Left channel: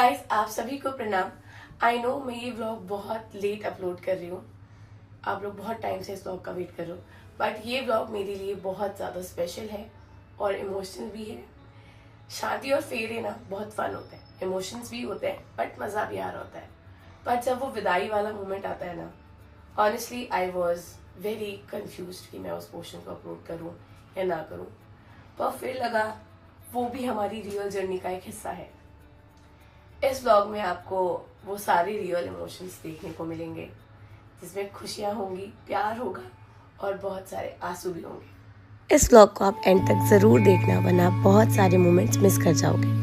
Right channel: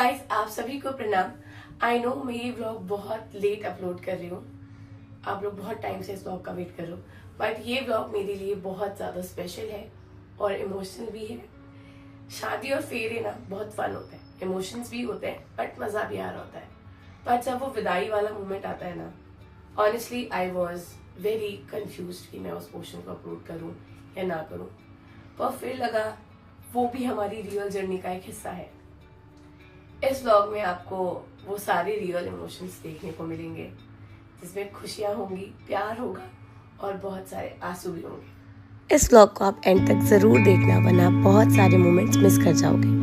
Guys, आप सभी को प्रणाम। आई नो मैं ये व्लॉग बहुत लेट अपलोड कर रही हूँ। आप लोग बहुत टाइम से इस व्लॉग का वेट कर रहे हो, बट ये व्लॉग मेरे लिए बहुत ज्यादा स्पेशल है और इमोशनल भी है। शादी और फेरे ना बहुत फन होते हैं, इमोशंस भी होते हैं, बट मजा भी आ रहा होता है। पर जब वो विदाई वाला मोमेंट आता है ना, honestly I was very confuse कि मैं उस पोर्शन को अपलोड करूँ या ना करूँ। पर फिर लगा वो भी हमारी रियल जर्नी का एक हिस्सा है। इस व्लॉग में आपको वो सारे रियल इमोशंस देखने को मिलेंगे, जिसमें खुशियां होंगी, प्यार होगा और बहुत सारे आंसू भी होंगे। इस व्लॉग को आप एंड तक जरूर देखना, वरना बहुत सारे मोमेंट्स मिस कर जाओगे।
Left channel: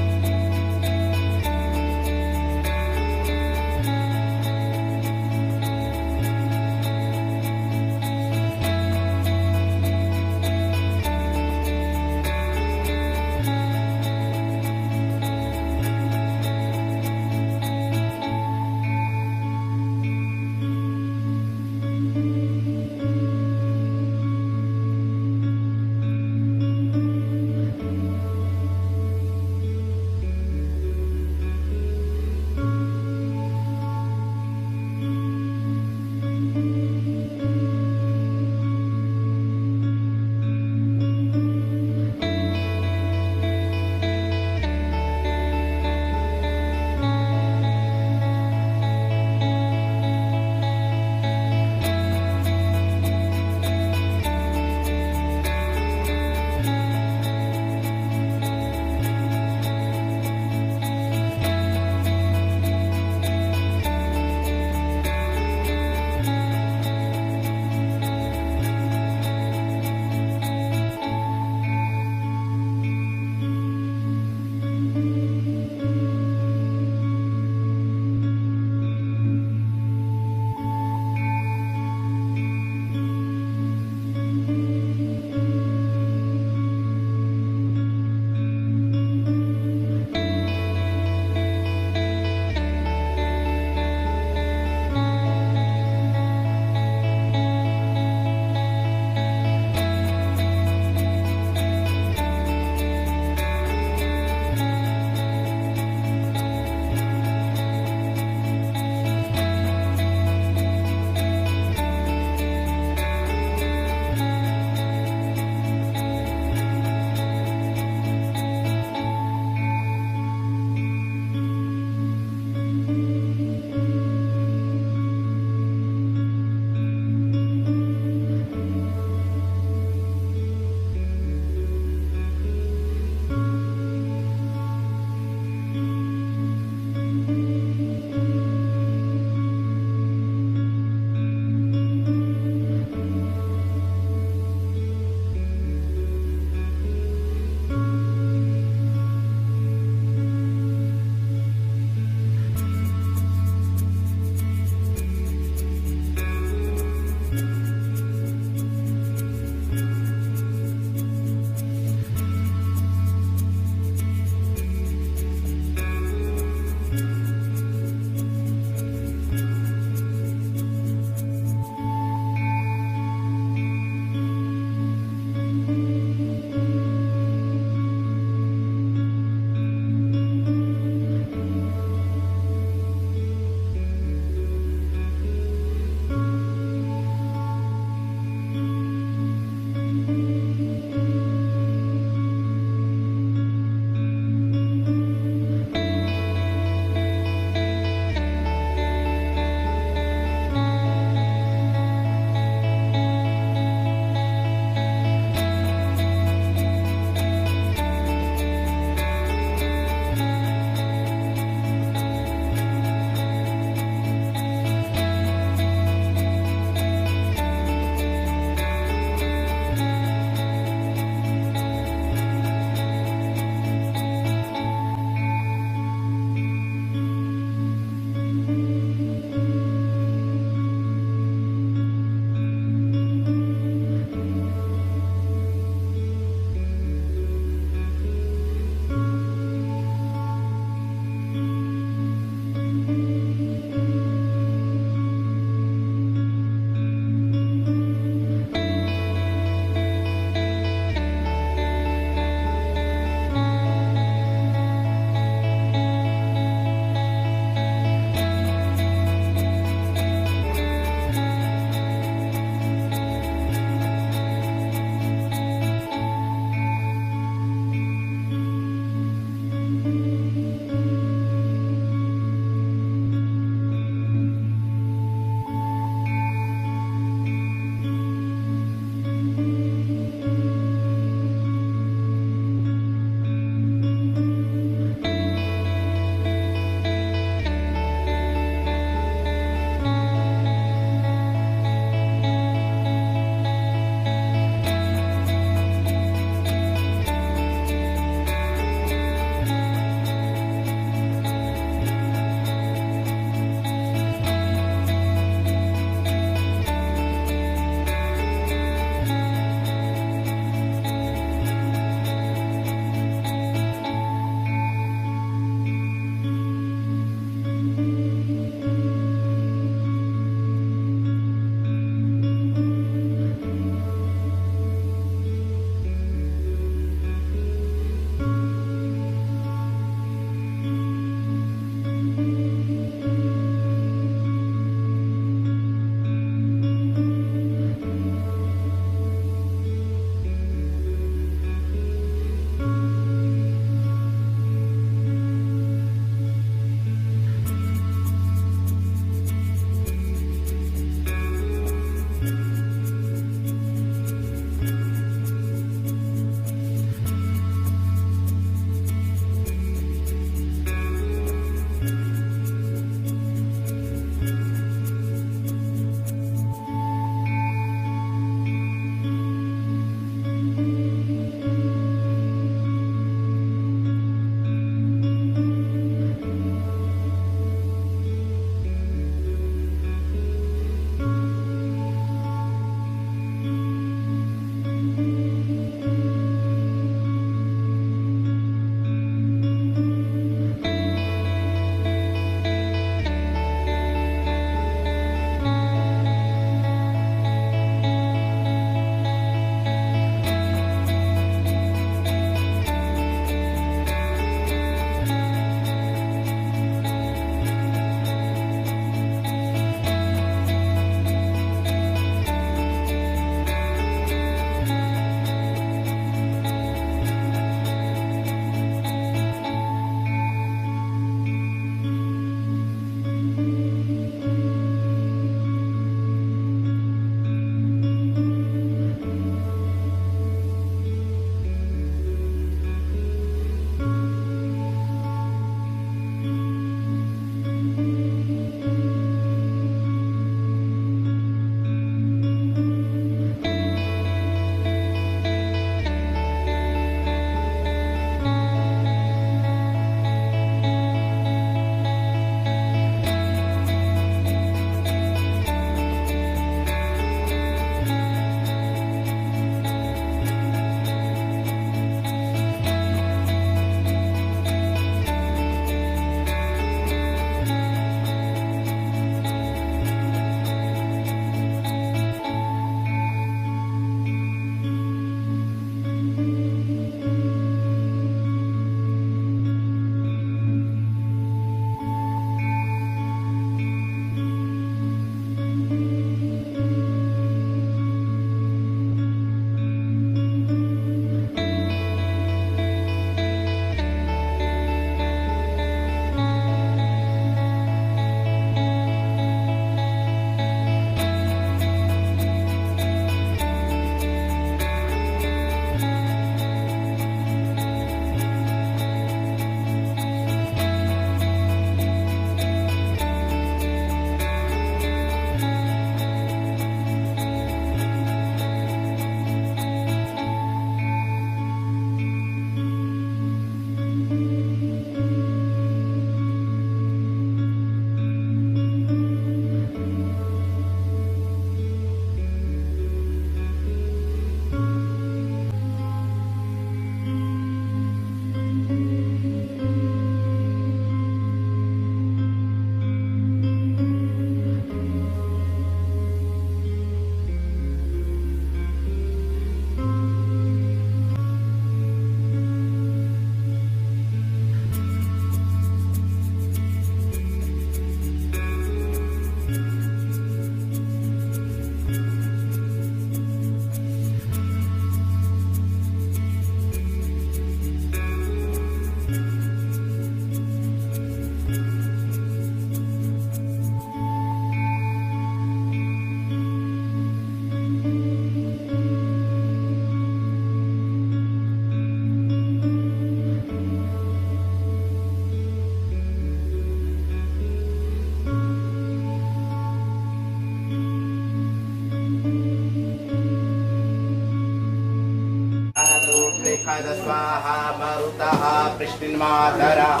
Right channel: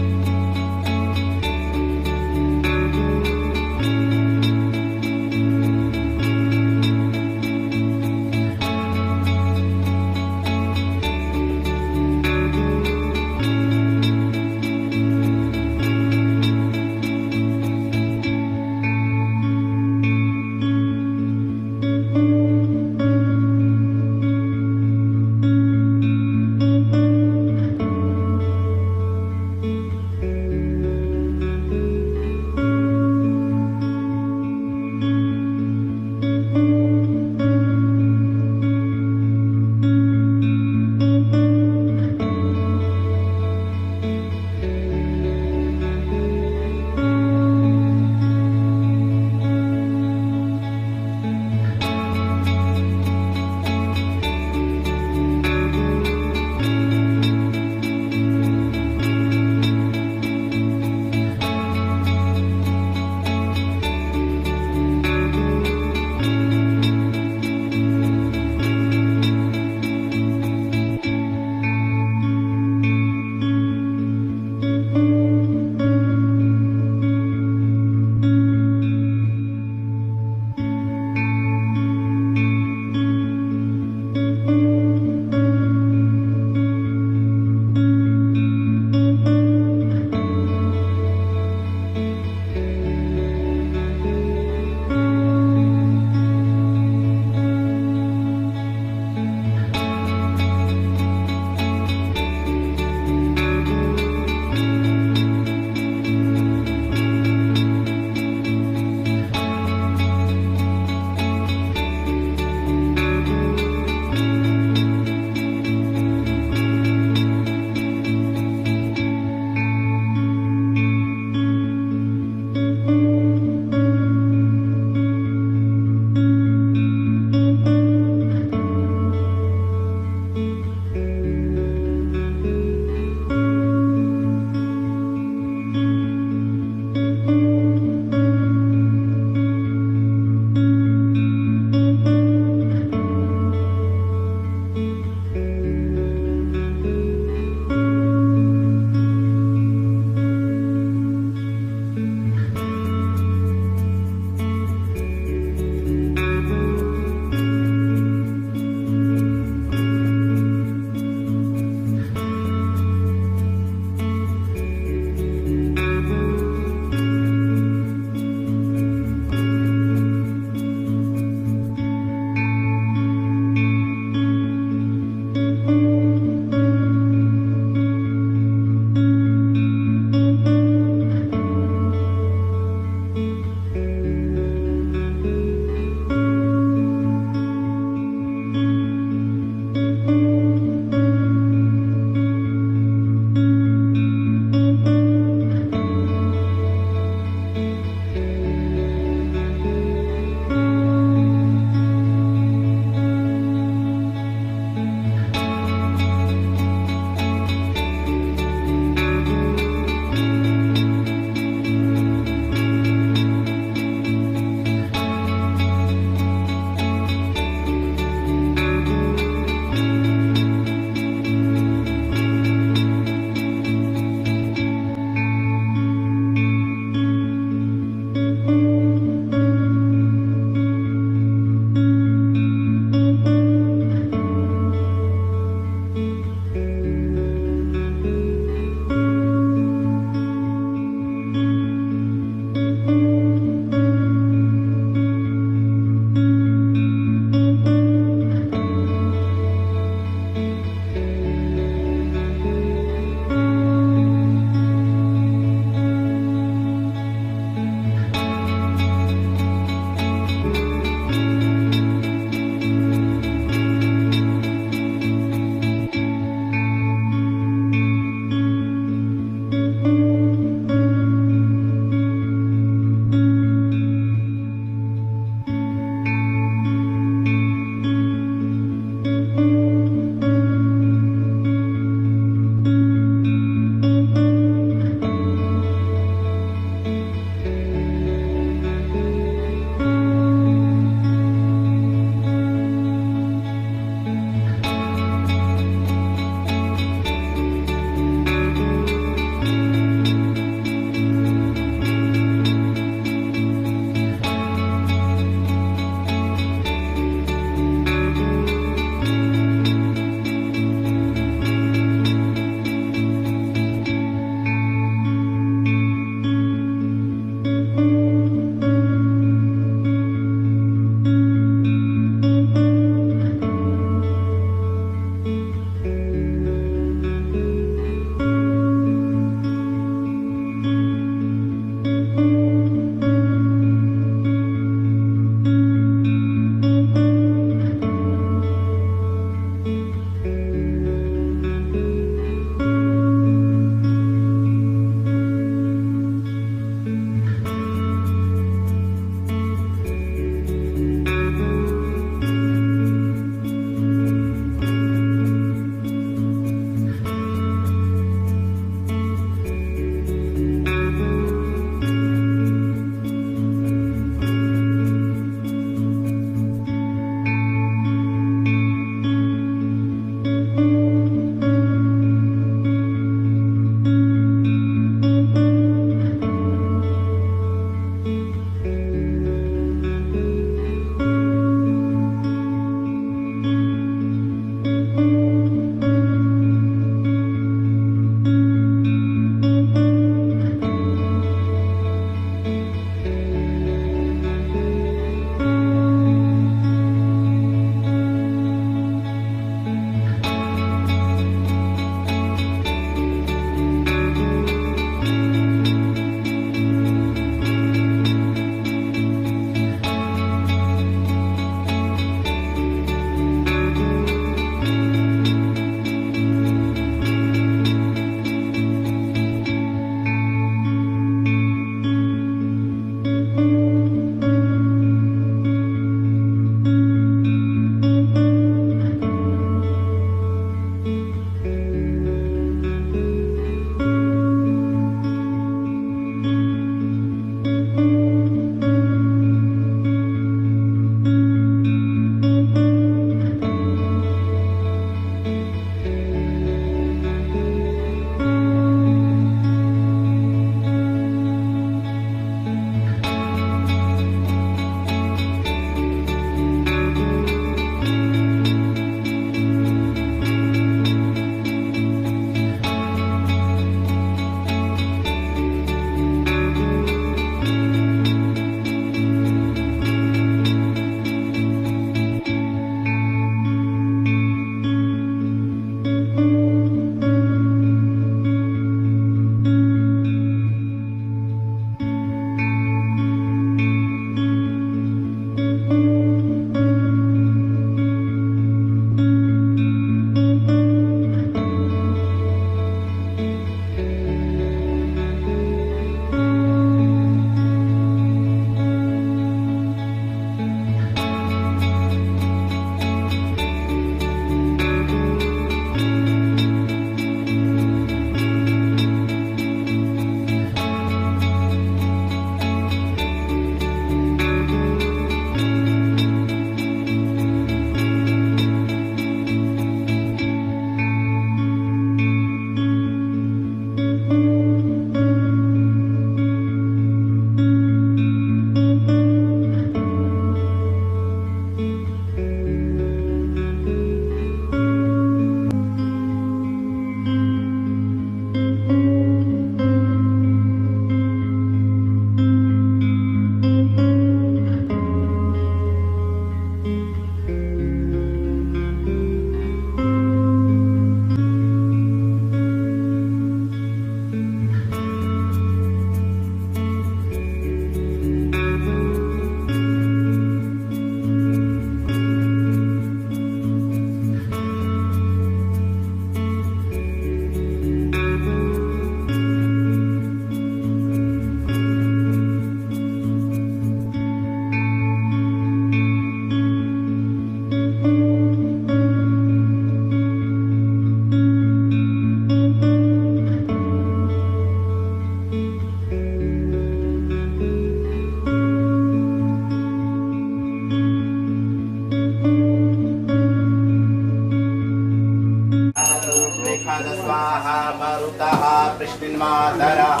स्वाहा मरुतः पृष्णिन्मातरः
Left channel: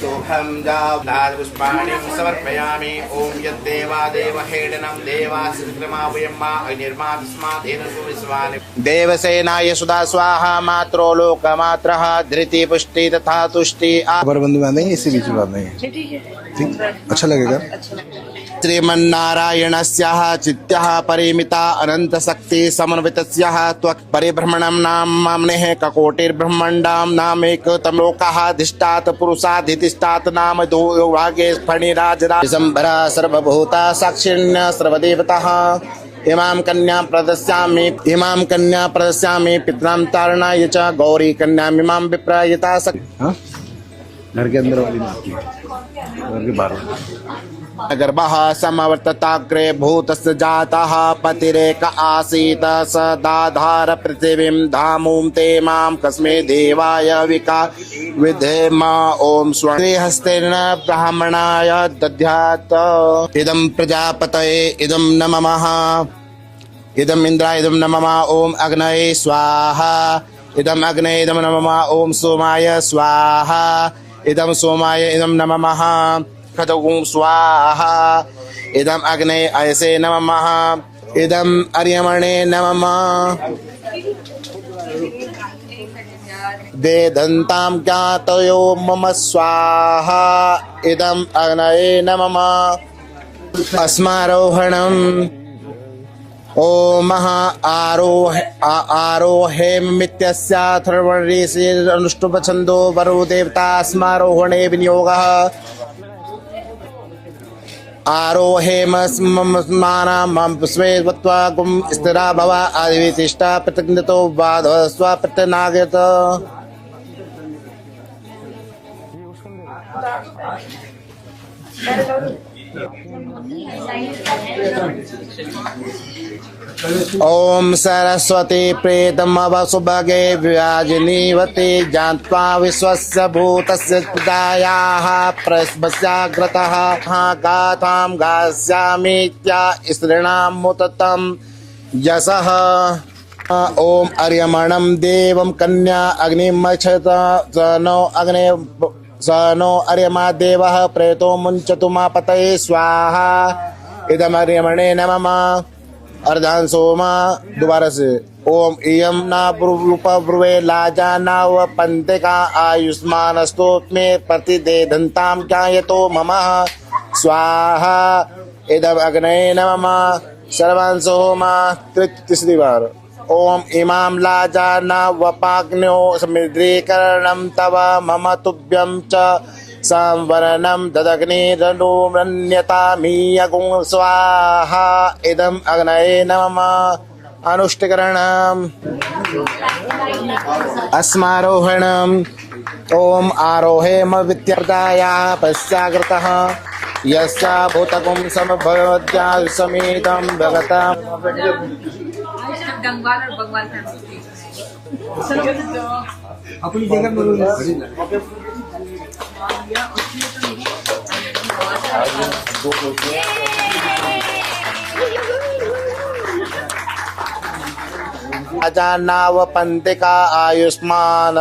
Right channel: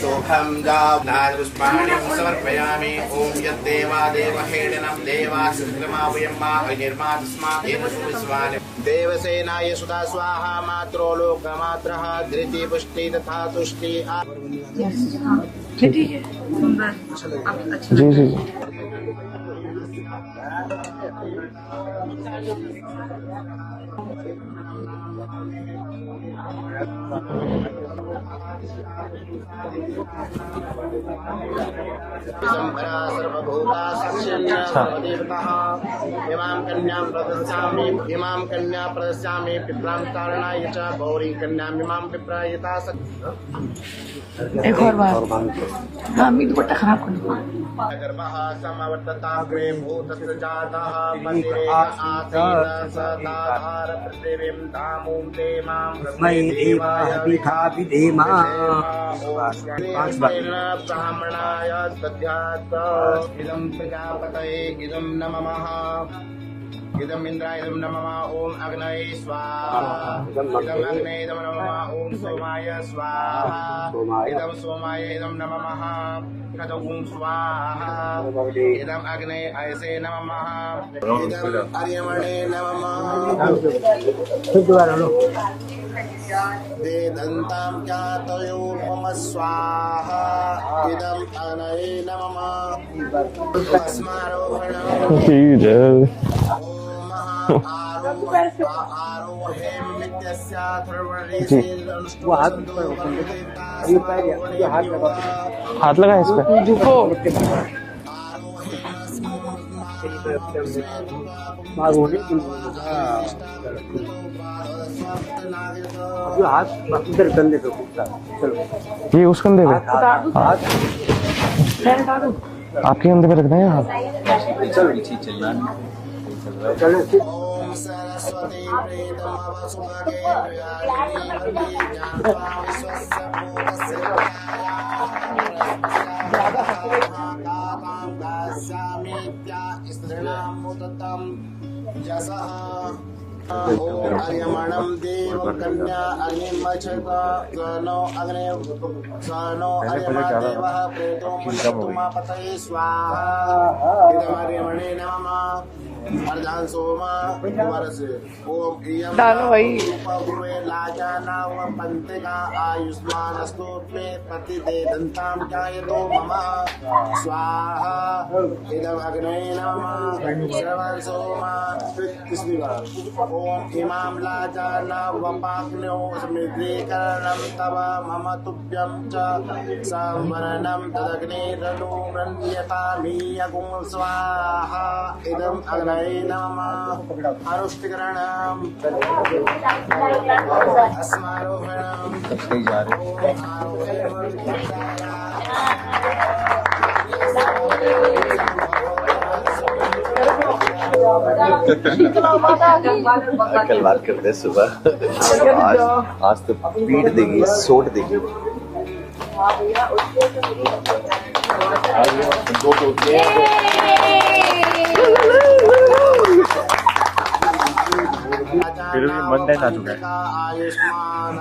सोऽहं पुष्पाणि समर्पयामि। ॐ यद्देवादेवहेडनं देवासुक्रमावयम्मा अनिर्मा तस्मात् येन सुविश्वानि देवसेनाय सुधा स्वाहा मात्रो लोकमात्रः धृति पुष्टि तथा तुष्टि। बंदी बांधेंगे इसी बीच में बांधेंगे, अच्छा लगेगा। श्रीमन्नारायणस्याः चित्तः परिमिता अनंत शक्ति समन्वितस्याः त्वक् परिभ्रमणं नाम माम्नेः ककोटिर्ब्रह्माण्डां नामैकतम लोकाः धिष्ठात् पुरुषाधिष्ठात् नाम दो भागे फणिराजरा दिसंबरा सर्वभूता साक्षिण्य सर्वदेवताः इमां कन्यां प्रदस्यामि पितरां तारणाय च गौरी कन्यामिमां विप्रयता घर के अंदर गर्भः समवर्तताग्रे भूतस्य जातः पतिरेक आसीत् स दाधार पृथिवीं धामुं ते मां कस्मै देवाय विधेम। ॐ स्वहस्तेन ब्राह्मणाय दद्यात् इदं प्रजापतये इदं नमः इदम इंद्राय इदम नमः। ओम अग्नये स्वाहा इदम अग्नये इदम नमः। ओम सोमाय स्वाहा इदम सोमाय इदम नमः। खतगुं स्वाहा इदम अग्नये अयसे नमः। इदम अर्यमणे नमः। वेदन्तां ज्ञातयो मम स्वाहा इदम अग्नये नमः। अस्मारोहणम् ओम आरोहेमित्यस्याथर्वणऋषिरनुष्टुप छन्दो वरो देवता स्मारोहणे विनियोगः। हाथ लगा इस पे। आरोहेमस्मानां स्वेत्वा गुम स्थिरा भव आदिवितिष्ठा प्रतिज्ञतो बाधव स्व प्रतिनागत। ये उस कंधे पे, आपके कंधे पे रखना है। ओम सरस्वती प्रेतमवसुभगे व्याजिनीवती ज्ञात्वा विश्वस्य भूतस्य प्रजायाः प्रस्मस्याग्रतः गाथां गास्यामीत्या स्त्रीणां मुततं यशः। ओम अर्यमणं देवं कन्या अग्निमक्षत स नो अर्यमा देवः प्रेतो मुञ्चतु मा पतये स्वाहा इदमर्यमणे नमः। अर्धान सोमा दोबारा से ओम इयम ना ब्रुवे लाजा नाव पंतिका आयुष्मानस्तु मे प्रतिदे दंतां ज्ञायतो मम स्वाहा इदम अग्नये नमः। सर्वान् सोमा तीसरी बार ओम इमां लाजा नावपाग्न्यो समिद्रीकरणं तव मम तुभ्यं च संवरणं तदग्निरनुमन्यतामीयगुं स्वाहा इदम अग्नये नमः। अनुष्ठिकरण अस्मारोहणम् ओम आरोहेम वित्यर्थाय पश्चाग्रतः यस्या भूतकं समभवत्या समेतं भवता कल बात करते हैं सुबह। आज तो पीट देंगे, सोट देंगे। अजानाव पंतिका आयुष्मान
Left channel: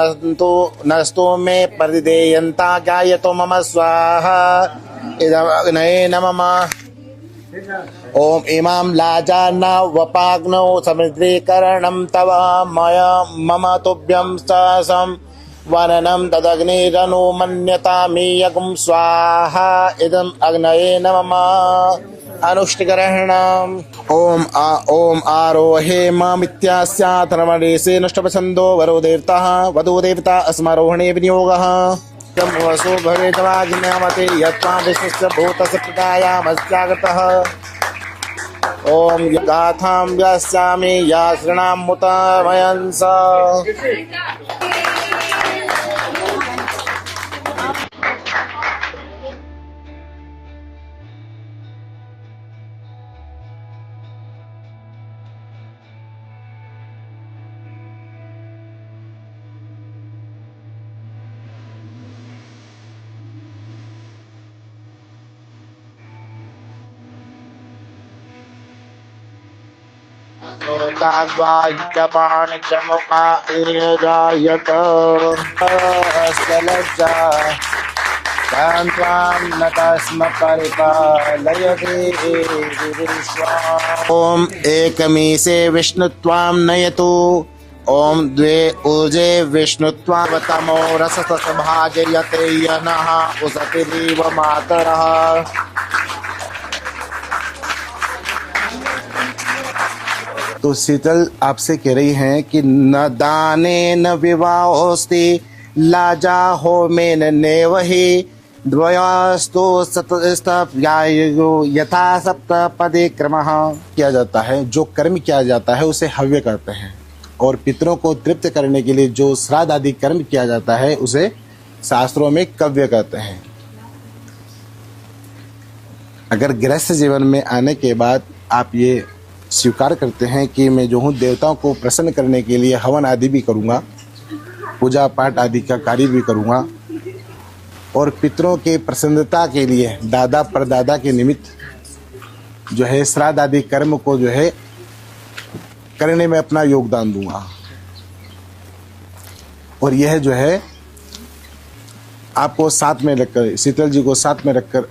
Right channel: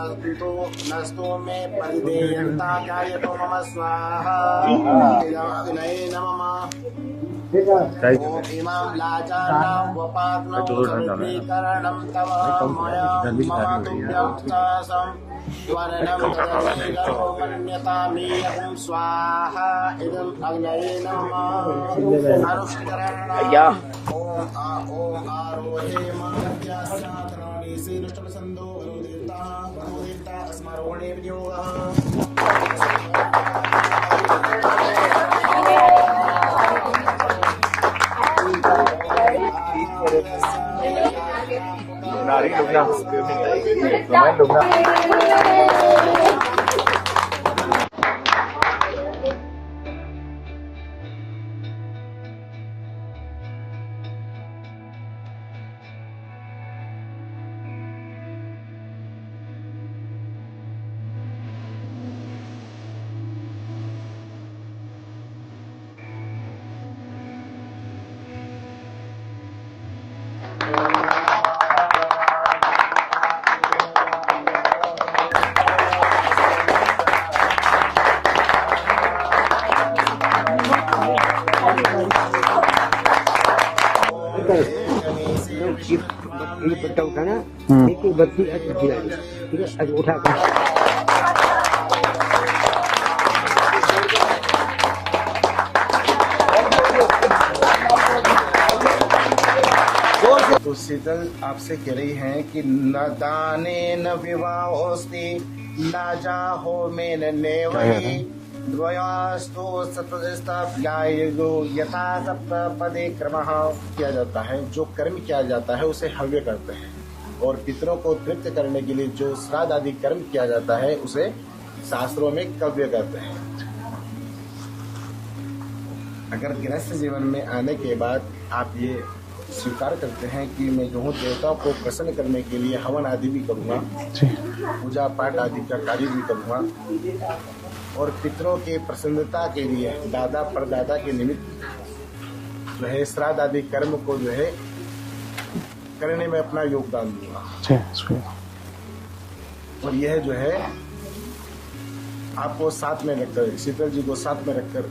नस्तु मे प्रतिदेयन्ता ज्ञायतो मम स्वाहा इदं अग्नये नमः। ओम इमां लाजानावपाग्नौ समित्रीकरणं तव मया मम तुभ्यं सहसं वननं तदग्निरनु मन्यतामीयकुं स्वाहा इदं अग्नये नमः। अनुष्टिग्रहणम् ओम आरोहे मामित्यास्याथर्मणेसे नष्टपछन्दो वरो देवता अस्मारोहणे विनियोगः वसो भवेद्वाग्न्यामते यत्त्वा विश्वस्य भूतसप्तायामस्यागतः। ओम गाथां व्यास्यामि या शृणामुतामयं स। ओम एकमीसे विष्णुत्वां नयतु। ओम द्वे ऊर्जे विष्णुत्वावतमो रसतसभाजयते यनः उसति देवमातरः। तो शीतल आपसे कह रही हैं कि न दाने न विवाहोस्ति लाजा हो में नेवहि द्वयास्तो सतस्तप्यायो यथा सप्तपदे क्रमः। किया जाता है, जो कर्म किया जाता है उसे हव्य करते हैं, और पितरों को तृप्त करने के लिए जो श्राद्ध आदि कर्म किया जाता है उसे शास्त्रों में कव्य कहते हैं। अगर गृहस्थ जीवन में आने के बाद आप ये स्वीकार करते हैं कि मैं जो हूँ देवताओं को प्रसन्न करने के लिए हवन आदि भी करूँगा, पूजा पाठ आदि का कार्य भी करूँगा, और पितरों के प्रसन्नता के लिए दादा परदादा के निमित्त जो है श्राद्ध आदि कर्म को जो है करने में अपना योगदान दूंगा। और यह जो है आपको साथ में रखकर, शीतल जी को साथ में रखकर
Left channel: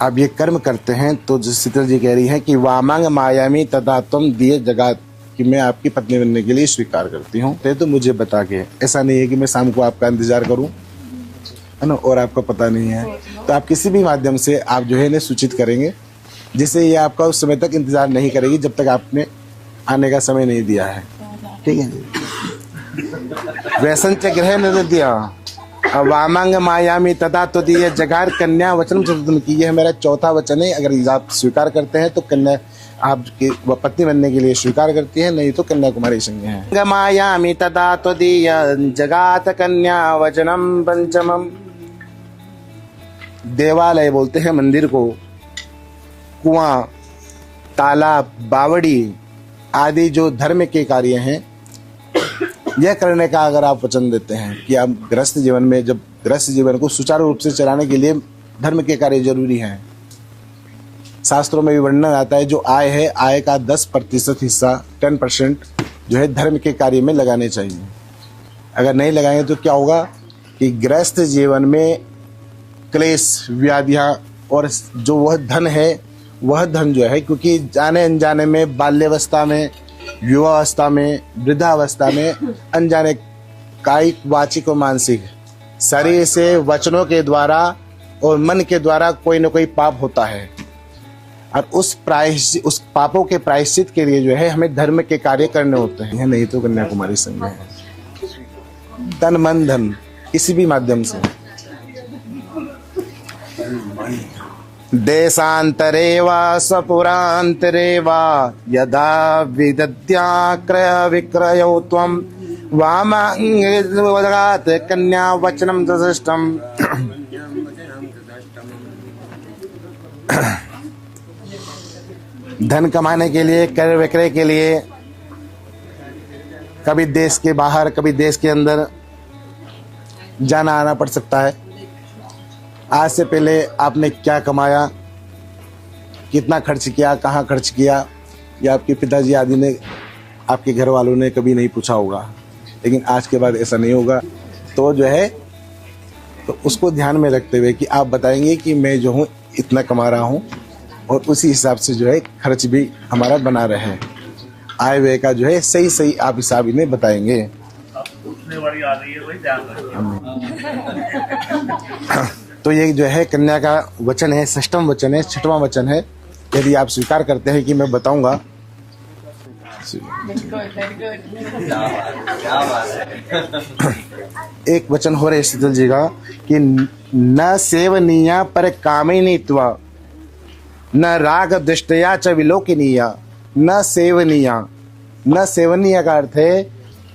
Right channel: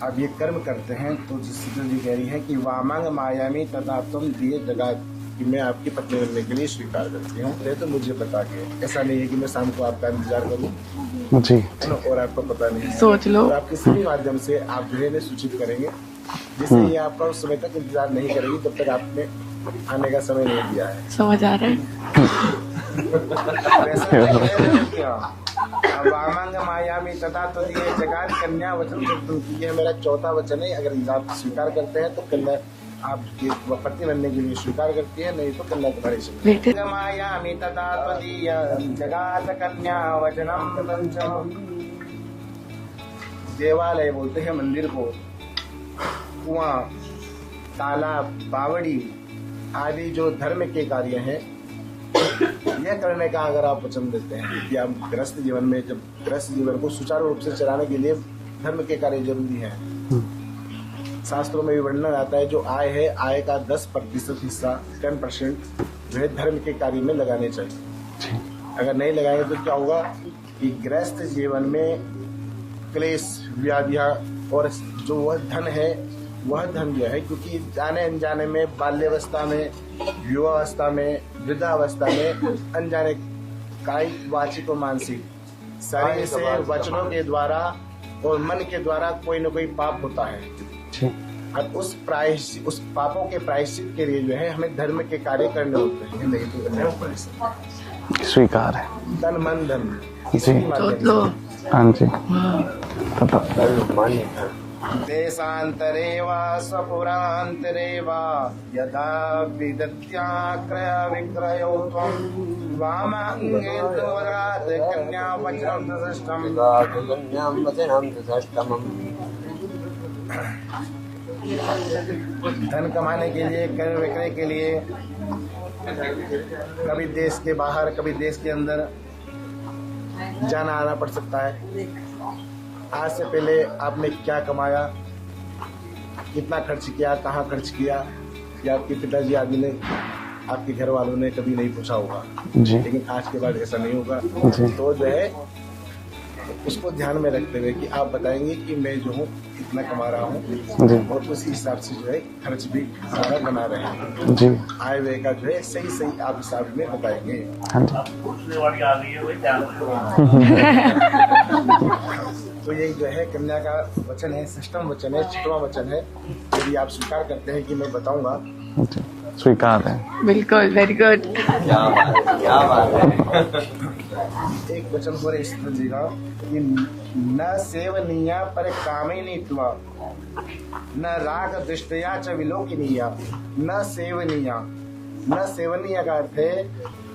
आप ये कर्म करते हैं, तो शीतल जी कह रही है कि वामांग मायामी तथा तुम दिए जगत कि मैं आपकी पत्नी बनने के लिए स्वीकार करती हूँ। तो मुझे बता के, ऐसा नहीं है कि मैं शाम को आपका इंतजार करूँ, जी है ना, और आपको पता नहीं है, सोच लो। तो आप किसी भी माध्यम से आप जो है इन्हें सूचित करेंगे, जिससे ये आपका उस समय तक इंतजार नहीं करेगी जब तक आपने आने का समय नहीं दिया है। समझ आ रहा ठीक है। है। व्यसन चक्र न दिया वामांग मायामी तथा तो दिए जगार कन्या वचन चतुर्मुखी, ये मेरा चौथा वचन है। अगर आप स्वीकार करते हैं तो कन्या आपकी पत्नी बनने के लिए स्वीकार करती है, नहीं तो कन्या कुमारी संज्ञा। मायामी तथा तो दिए जगात कन्या वचनम पंचमम। देवालय बोलते हैं मंदिर को, कुआं, तालाब, बावड़ी आदि जो धर्म के कार्य हैं, यह करने का अगर आप वचन देते हैं कि आप गृहस्थ जीवन में, जब गृहस्थ जीवन को सुचारू रूप से चलाने के लिए धर्म के कार्य जरूरी हैं। शास्त्रों में भी वर्णन आता है, जो आय है आय का 10% हिस्सा 10% जो है धर्म के कार्य में लगाने चाहिए। अगर नहीं लगाएंगे तो क्या होगा कि गृहस्थ जीवन में क्लेश, व्याधियां, और जो वह धन है, वह धन जो है, क्योंकि जाने अनजाने में बाल्यावस्था में, युवावस्था में, वृद्धावस्था में अनजाने कायिक, वाचिक और मानसिक शरीर से, वचनों के द्वारा और मन के द्वारा कोई न कोई पाप होता है। अब उस पापों के प्रायश्चित के लिए जो है हमें धर्म के कार्य करने होते हैं, नहीं तो कन्याकुमारी संघ स्वीकार है। तन मन धन किसी भी माध्यम से। हाँ जी। देशान्तरे वा स्वपुरान्तरे वा यदा विदद्याक्रय विक्रयौ त्वं वामाङ्गवदगात् कन्या वचनं दृष्टम्। धन कमाने के लिए, क्रय विक्रय के लिए कभी देश के बाहर कभी देश के अंदर जाना आना पड़ सकता है। आज से पहले आपने क्या कमाया, कितना खर्च किया, कहाँ खर्च किया, या आपके पिताजी आदि ने, आपके घर वालों ने कभी नहीं पूछा होगा जी। लेकिन आज के बाद ऐसा नहीं होगा। तो जो है तो उसको ध्यान में रखते हुए कि आप बताएंगे कि मैं जो हूँ इतना कमा रहा हूँ और उसी हिसाब से जो है खर्च भी हमारा बना रहे जी। आय व्यय का जो है सही सही आप हिसाब में बताएंगे। हाँ जी। तो ये जो है कन्या का वचन है, षष्ठम वचन है, छठवां वचन है। यदि आप स्वीकार करते हैं कि मैं बताऊंगा, जी, स्वीकार है। बिल्कुल, वेरी गुड। एक वचन हो रहे शीतल जी का कि न सेवनीया पर कामिनीत्वा न राग दृष्टया च विलोकिनीया। न सेवनीया, न सेवनीय का अर्थ है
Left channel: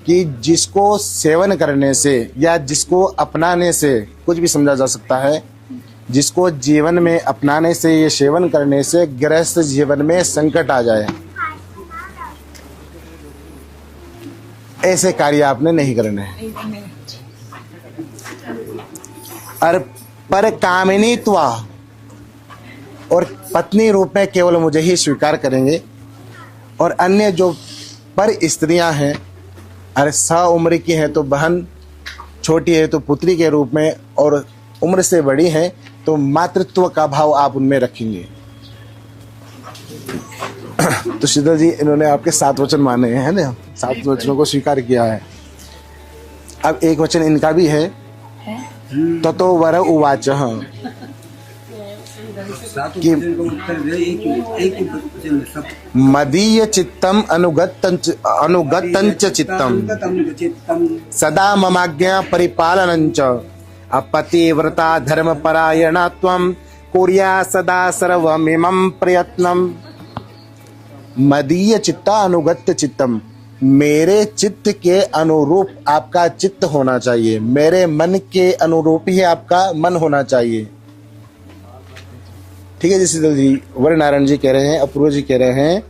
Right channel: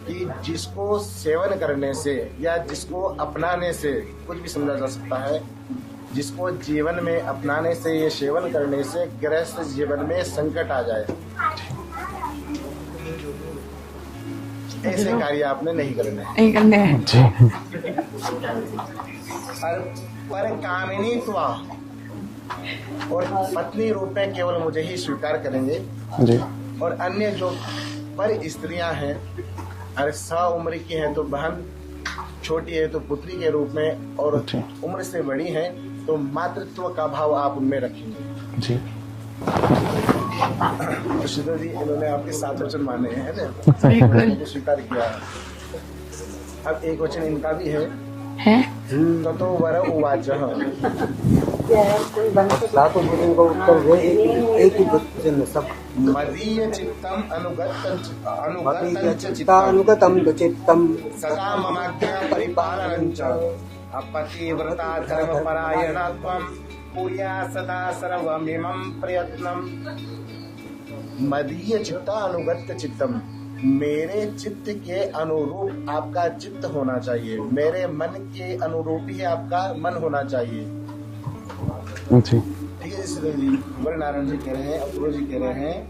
कि जिसको सेवन करने से या जिसको अपनाने से कुछ भी समझा जा सकता है, जिसको जीवन में अपनाने से या सेवन करने से गृहस्थ जीवन में संकट आ जाए, ऐसे कार्य आपने नहीं करने हैं। नहीं करने हैं। जी। और पर कामिनीत्वा, और पत्नी रूप में केवल मुझे ही स्वीकार करेंगे। जी। और अन्य जो पर स्त्रियां हैं, अरे 100 उम्र की है तो बहन, छोटी है तो पुत्री के रूप में, और उम्र से बड़ी है तो मातृत्व का भाव आप उनमें रखेंगे। जी। तो शीतल जी, इन्होंने आपके 7 वचन माने हैं ना, 7 वचनों को स्वीकार किया है। अब एक वचन इनका भी है, ततो वर उवाच, मदीय चित्तम अनुगतंच चित्तम सदा ममाज्ञा परिपालनंच अपतिव्रता धर्मपरायणा त्वं कुर्या सदा सर्वमिमं प्रयत्नम। मदीय चित्ता अनुगत्य चित्तम, मेरे चित्त के अनुरूप आपका चित्त होना चाहिए, मेरे मन के अनुरूप ही आपका मन होना चाहिए। जी। ठीक है जी शीतल जी। वर नारायण जी कह रहे हैं, अपूर्व जी कह रहे हैं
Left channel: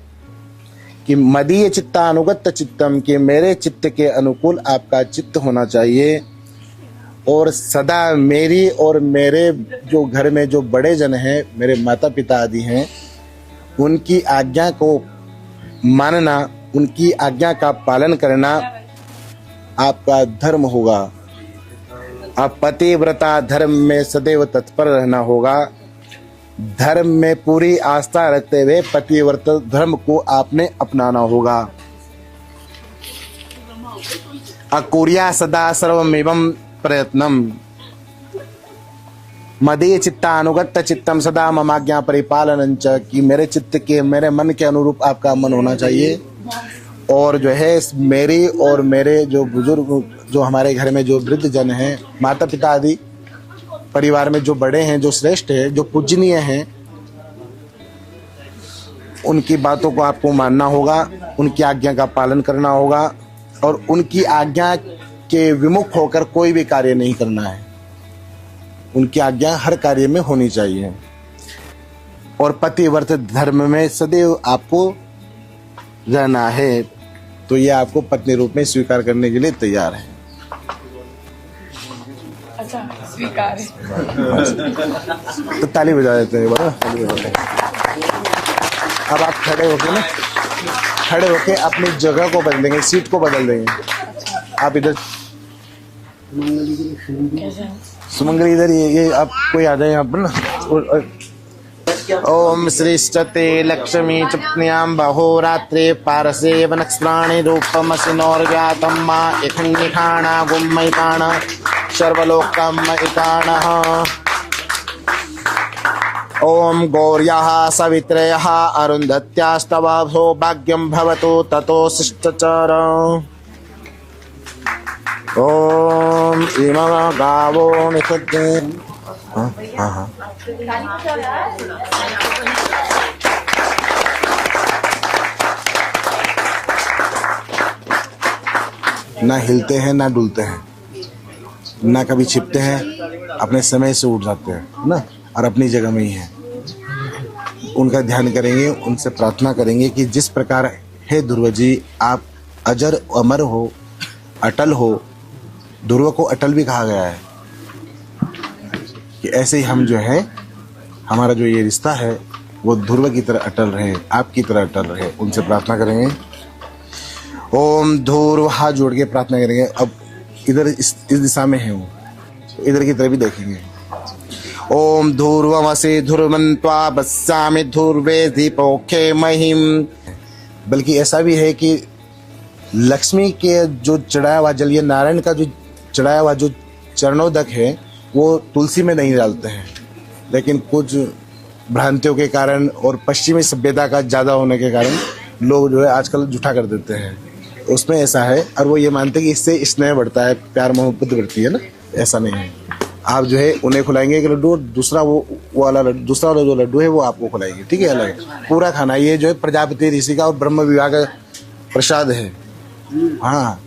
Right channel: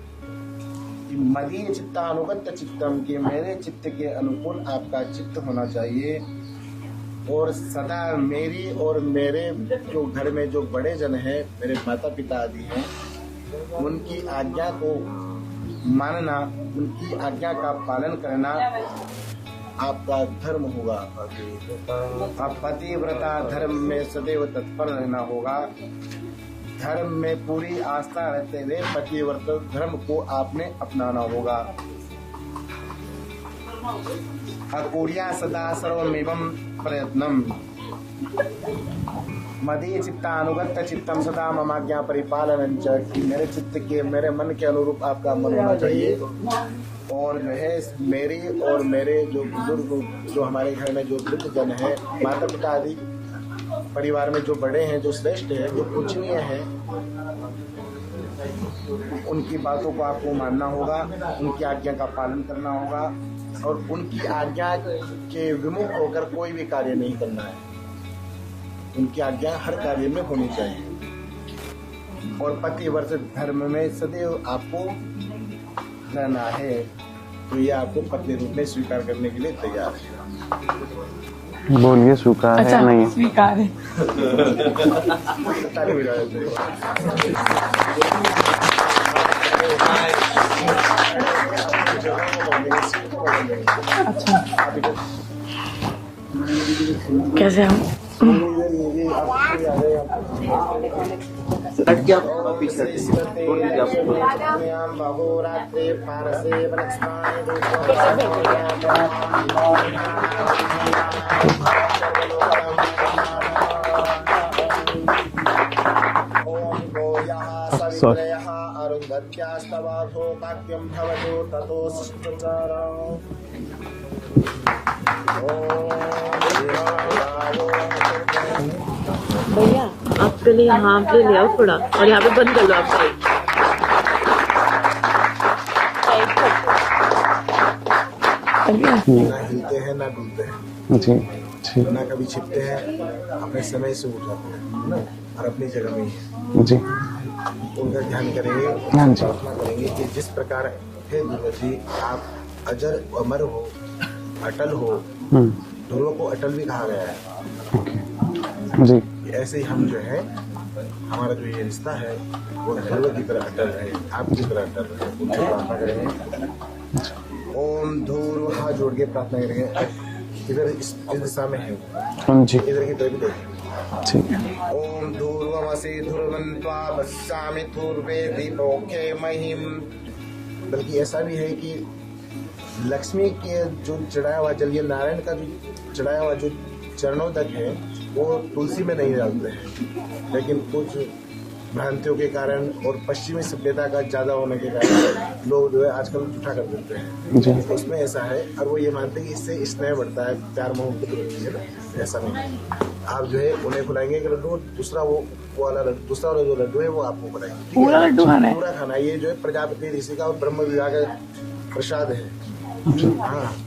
कि मदीय चित्ता अनुगत्य चित्तम, कि मेरे चित्त के अनुकूल आपका चित्त होना चाहिए, और सदा मेरी और मेरे जो घर में जो बड़े जन हैं, मेरे माता पिता आदि हैं, उनकी आज्ञा को मानना, उनकी आज्ञा का पालन करना आपका धर्म होगा। आप पतिव्रता धर्म में सदैव तत्पर रहना होगा। धर्म में पूरी आस्था रखते हुए पतिव्रत धर्म को आपने अपनाना होगा। अकुर्या सदा सर्वमेवं प्रयत्नम, मदीय चित्ता अनुगत्य चित्तम सदा ममाज्ञा परिपालनंच, कि मेरे चित्त के, मेरे मन के अनुरूप आपका मन होना चाहिए। और जो है मेरी और मेरे जो बुजुर्ग, जो हमारे घर में जो वृद्ध जन हैं, माता पिता आदि परिवार में जो बड़े हैं, जो श्रेष्ठ हैं, जो पूजनीय हैं, उनकी बातों को आपको मानना होगा, उनकी आज्ञा का पालन करना होगा, और उनकी आज्ञा के विमुख होकर कोई भी कार्य नहीं करना है। उनकी आज्ञा हर कार्य में होनी चाहिए, और पतिव्रत धर्म में सदैव आपको रहना है। तो ये आपको पत्नी रूप में स्वीकार करने के लिए तैयार है। बोलिए, स्वीकार है? नहीं है? स्वीकार है। तो ताली बजा देते हैं बड़ा। अब आप खड़े होकर ना, खड़े होकर अपनी जगह को बदल देंगे, सीट को बदल देंगे। अच्छा, आप इधर, कैसे हम? सुमंगल इधर, ये आप कोई आ जाए यहाँ पर ना। ओम श्रीष्ठते लक्ष्मी चुप्न्याम बहोरात्रे पारसे वनस्त्राणि रूपमसिनोर्जातं मा इखण्डिखाणा गुम्मैकाणा सर्वलोकम् इकाणः। ओम गौर्याः सवित्रयः अरुन्धत्यास्तव सौभाग्यं भवतु ततो शिष्टचर। ओम इमं गावो निषद्ये भैया आपके लिए यहाँ पे ले आओ थोड़ा और यहाँ पे बंद कर लो आप। ना हिलते हैं ना डुलते हैं, जी जी ना कभी छिपते हैं, अपने समय से उठ जाते हैं ना, और अपनी जगह में ही है। जी उनका ध्यान करेंगे, उनसे प्रार्थना करेंगे कि जिस प्रकार हे ध्रुव जी आप अजर अमर हो, अटल हो। ध्रुव को अटल भी कहा गया है जी कि ऐसे ही हम जो है, हमारा जो ये रिश्ता है वो ध्रुव की तरह अटल रहे, आपकी तरह अटल रहे। उनसे प्रार्थना करेंगे। ओम ध्रुव, हाथ जोड़ के प्रार्थना करेंगे। अब इधर इस दिशा में है वो, जी इधर की तरफ भी देखेंगे। ठीक ओम ध्रुवमसि ध्रुवन्त्वा बस्सामि ध्रुवे दीपोखे महिम। बल्कि ऐसा भी है कि लक्ष्मी के जो चढ़ाया हुआ जल, ये नारायण का जो चढ़ाया हुआ जो चरणोदक है वो तुलसी में नहीं डालते हैं, लेकिन कुछ भ्रांतियों के कारण और पश्चिमी सभ्यता का ज्यादा होने के कारण लोग जो है आजकल जूठा कर देते हैं। उसमें ऐसा है, और वो ये मानते हैं कि इससे स्नेह बढ़ता है, प्यार मोहब्बत बढ़ती है ना। ऐसा नहीं है। आप जो है उन्हें खिलाएंगे एक लड्डू, और दूसरा वो वाला जो लड्डू है वो आपको खिलाएंगे, ठीक है? पूरा खाना। ये जो है प्रजापति ऋषि का और ब्रह्म विभाग का प्रसाद है। हाँ,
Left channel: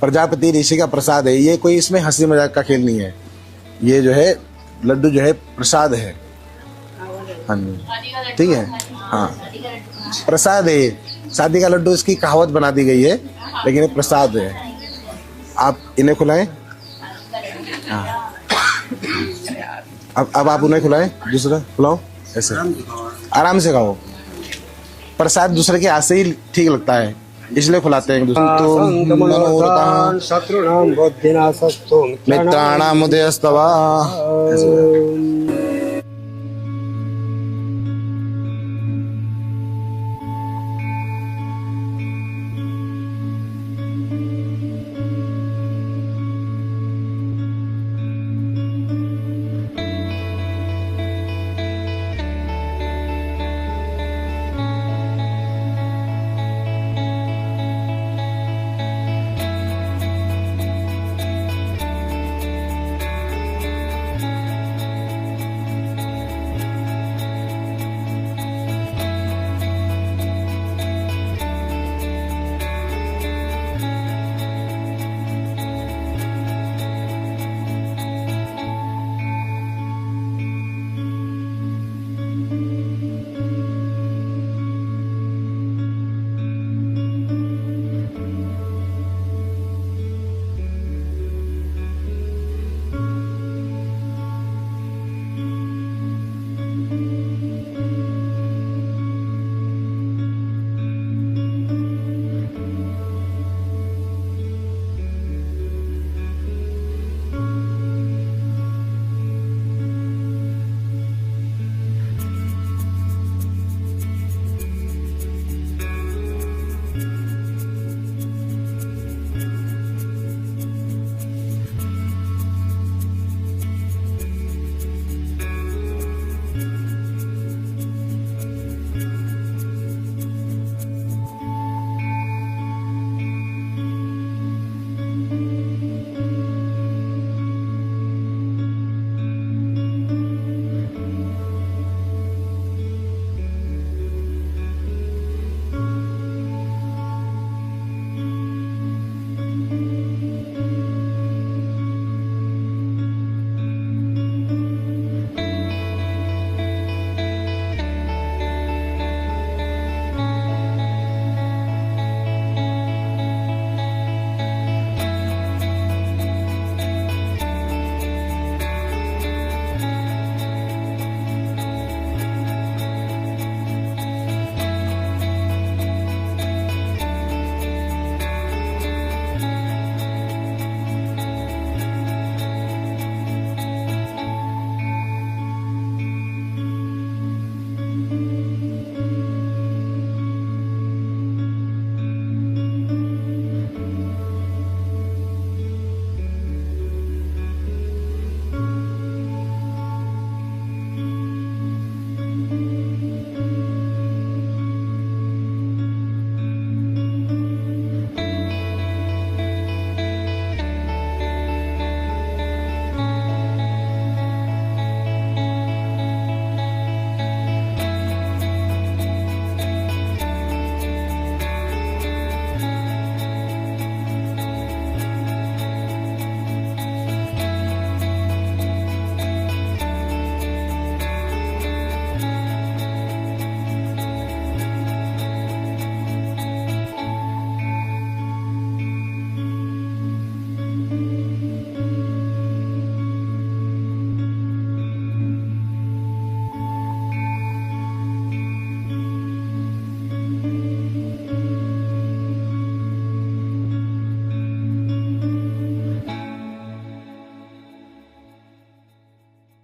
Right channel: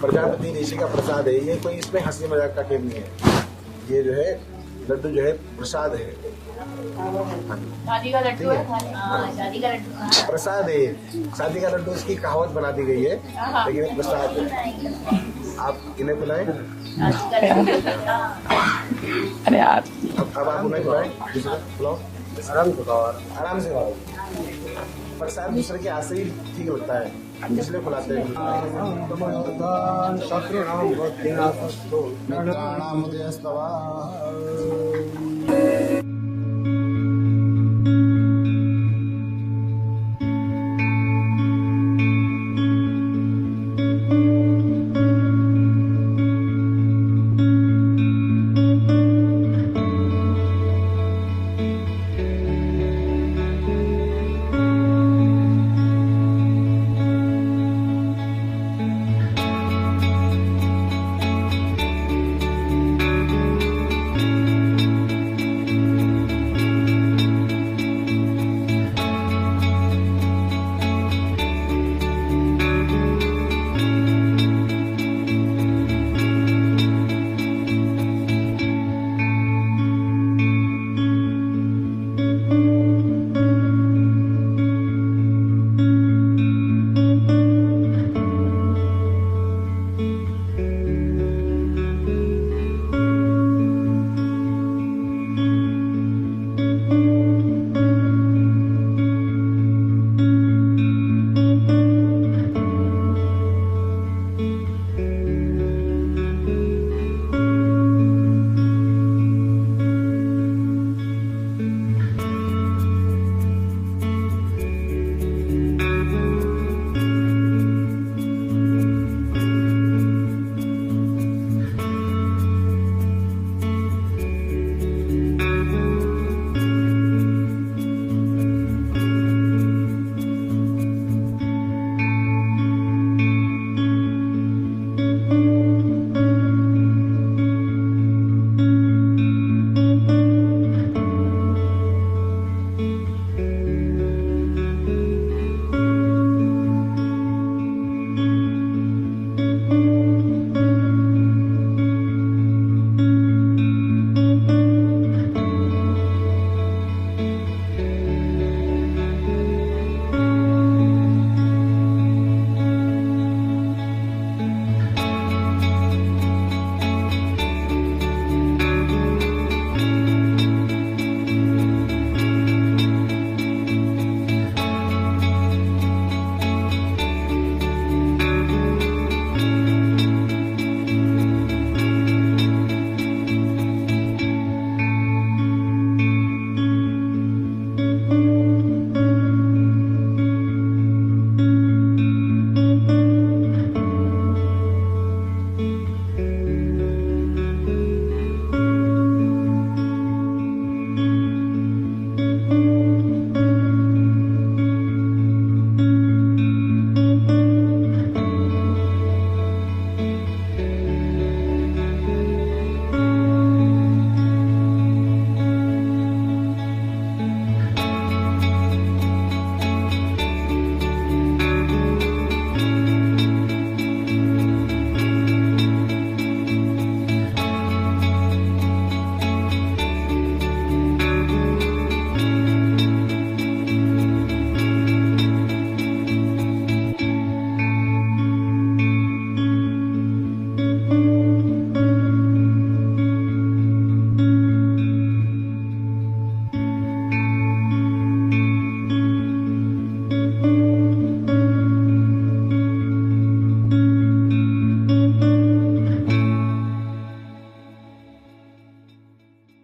प्रजापति ऋषि का प्रसाद है ये, कोई इसमें हंसी मजाक का खेल नहीं है। ये जो है लड्डू जो है प्रसाद है। हाँ जी, ठीक है। हाँ, प्रसाद है। शादी का लड्डू इसकी कहावत बना दी गई है, लेकिन ये प्रसाद है। आप इन्हें खिलाएं। अरे यार, अब आप उन्हें खिलाएं, दूसरा खिलाओ। ऐसे आराम से खाओ। प्रसाद दूसरे के हाथ से ही ठीक लगता है, इसलिए खिलाते हैं। मित्राणाम उदयस्तवा।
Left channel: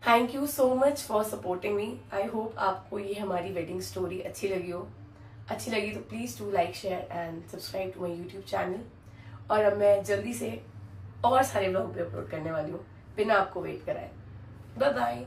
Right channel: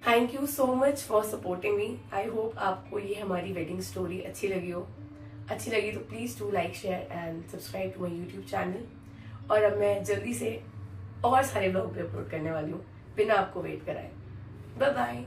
Thank you so much for supporting me. I hope आपको ये हमारी वेडिंग स्टोरी अच्छी लगी हो। अच्छी लगी तो please do like share and subscribe to my YouTube channel. और अब मैं जल्दी से और सारे व्लॉग भी अपलोड करने वाली हूँ बिना आपको वेट कराए। Bye bye.